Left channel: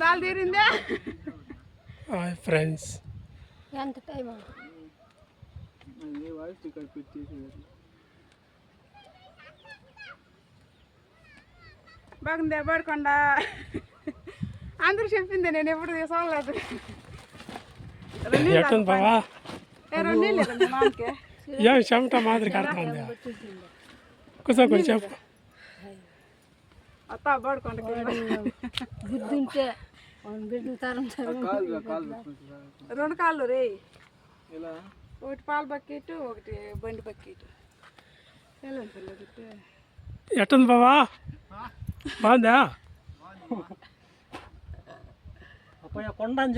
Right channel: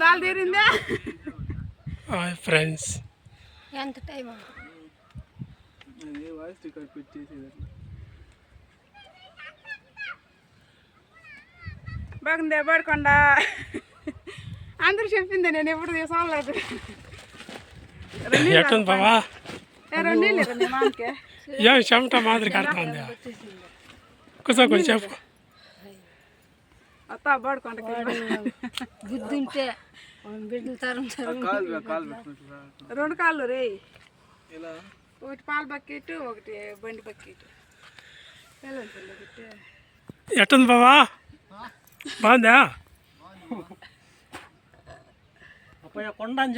Dal తీరిందే? Hi friends. ఎంత time బాగుందే పడకొండ అందరూ చెప్పింది నేను ఎప్పుడు తీసుకోలేదు ఎట్టుంది మామకి. ఏం చెమట మాదిరి కడుతుంది కూర్చో కొంచెం చెప్పు. బుద్ధి ఉంటే బిడ్డలు తరం రెండు కాళ్ళు రే. ఒకటి పాల బకెట్ ఒకటి బండి బకెట్. ఎట్టుంది బావా? బాగుందా? కొండ అని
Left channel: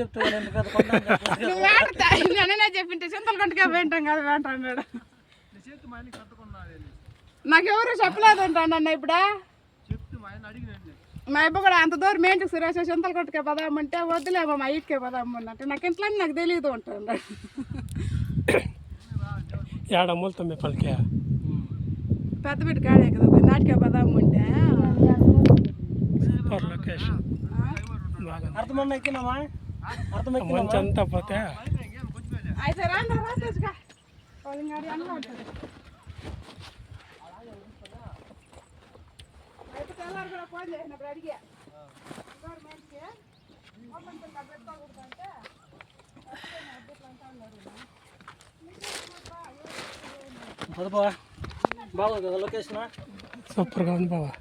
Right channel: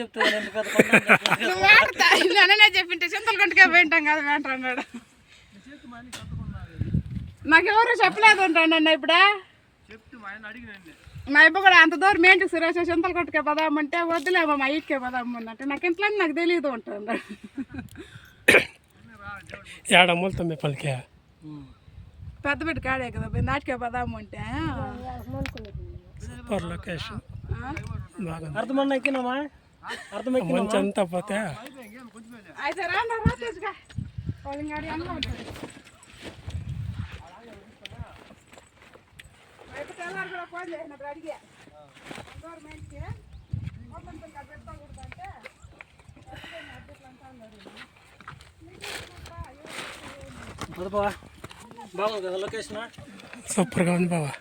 చెప్పింటే చింతలు గంటగా పోయింటాం కదా వెంట అన్నాడు నాకెవరు చెప్పలేదు అన్న ఇప్పుడే? మా అబ్బ కూడా అంత దూరం ఏంటి సురేష్ చింతలు కొట్టుకే పదామంటే వద్దులేమో మా ఇటుకే పదామన్నట్టు నాకు ఇంట్లో నాకు తెలియదు ఉంటాను ఏడ మూలుతుంది పలికే? పెద్ద బిడ్డ కాడే కదా నాటికే పదామంటే. Super location. అర్థమన్న మంచి అంతా పోతే అయితే రా బాగుంది కదా లొకేషన్ సూపర్గా ఉంది బావా